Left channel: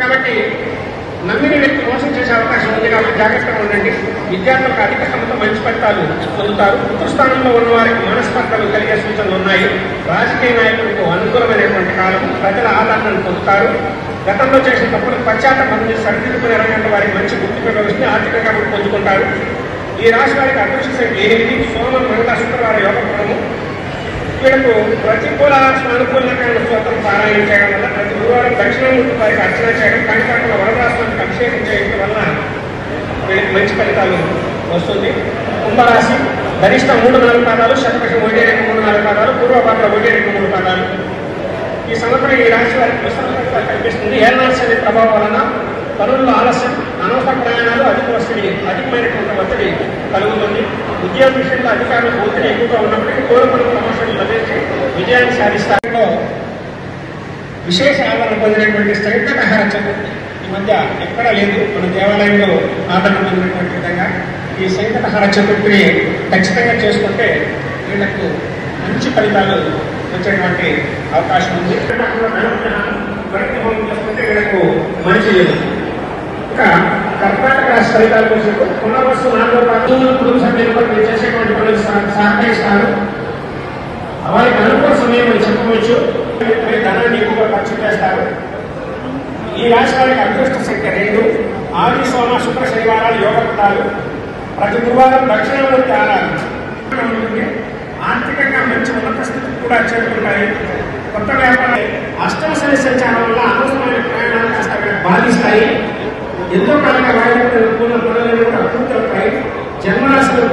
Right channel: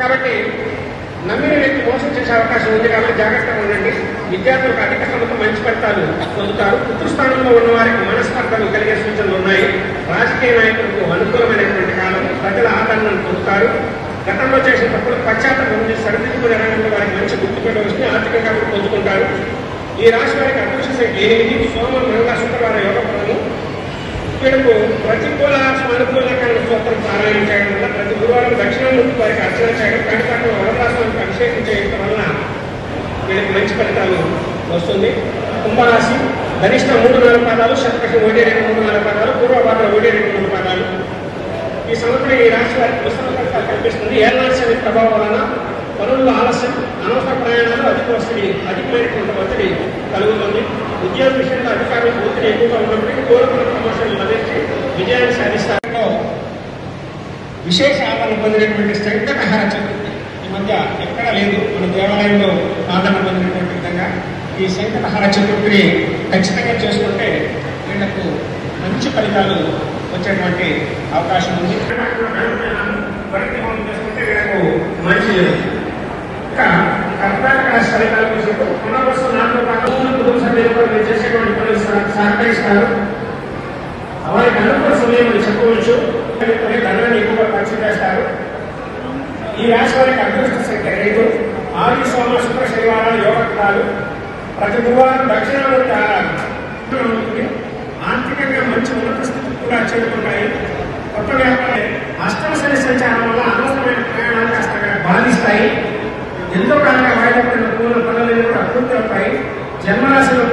కాబట్టి నమ్మిన వ్యక్తి మోసం చేసే అవకాశం ఉంది కాబట్టి జాగ్రత్తగా ఉండండి. విద్యార్థులకు అధిక శ్రమతో మంచి ఫలితాలు పొందుతారు. పుత్రస్థానంలో ఉన్న వారికి మనస్పర్ధలు కలిగే సూచనలు ఉన్నాయి. రాజకీయ నాయకులకు అనుకూలమైనటువంటి కాలం. ప్రజల ఆదరణను పొందుతారు. గతంలో చేసిన తప్పులు పశ్చాత్తాపం సరిదిద్దుకునే రంగంలో వారికి మంచి గుర్తింపు వస్తే ఆర్థికంగా పొందుకుంటారు. ఈ రాశి వారికి అదృష్ట సంఖ్య 8. సోమం, మంగళ, శుక్రవారం యోగపడము. వీళ్ళకు ప్రతికూల సానుకూలంగా స్తోత్రం పారాయణం చేయడం వల్ల ప్రతి గురువారం దక్షిణామూర్తి వారికి అర్చన చేయడం, కంటిపాటల వరదాస్వానికి అభిషేకం చేయడం వల్ల వీళ్ళకి మంచి ఫలితాలు వస్తుంది. కుంభరాశి గరిష్ట 3-4 పాదాలు, శతపక్షం 1-2-3-4 పాదాలు, పూర్వభాద్ర 1-2-3 పాదాలు. ఈ సంవత్సరం ఈ రాశి వారికి మిశ్రమ ఫలితాలు కనిపిస్తుంది. ఏళ్ళనాశి అనే ప్రభావం వలన పనుల్లో ఆలస్యం, అనవసర ప్రయాణాలు, అధికమైనటువంటి ఒత్తిడి కలుగుతుంది. ఉద్యోగ విషయంలో అధికారులకు ఒత్తిడి ఎక్కువగా ఉన్నప్పటికీ కోరుకున్న ప్రమోషన్లు లభించి విజయాన్ని సాధిస్తారో విశేష ఆదరణ పొందినటువంటి శంకటహర చతుర్థి ఈ మధ్య ఎక్కడా లేదు. మన దేవాలయంలో ఆదరణ పొందినటువంటి విధంగా ఈ శంకటహర చతుర్థిని ఖచ్చితంగా చేసుకుంటే వీళ్లకు మంచి ఫలితాలు వచ్చేటువంటి అవకాశం ఉంది. చేసుకుంటే వీళ్ళకు మంచిది. ఇంకా కర్ణాటక రాష్ట్ర ఫలితాలు చూసినట్టు పునర్వసు 4వ పాఠంలో కుటుంబ సభ్యులు కూడా మీరు చేసేటువంటి పనులు సహకరిస్తారు. వారికి అనుకూల సమయం అని చెప్పవచ్చు. ధనాన్ని ఎక్కువగా ఖర్చు చేస్తారు. ఈ రాశి వారికి అదృష్ట సంఖ్య 2. ఆది, సోమ, శుక్ర, శనివారాలు యోగపడాలు. ప్రతి గురువారం దక్షిణామూర్తి ఆరాధన. ఆర్థికంగా మంచి ఉన్నత స్థితి కూడా చేరుకుంటాయి. కొత్త వ్యాపారం అష్టమ శని సంచారం వల్ల అనవసరమైన ప్రయాణాలు కాస్త బాధిస్తాయి. ఎంతో కాలంగా వాయిదా పనులన్నీ కూడా పూర్తవుతాయి. జన్మరాశులకు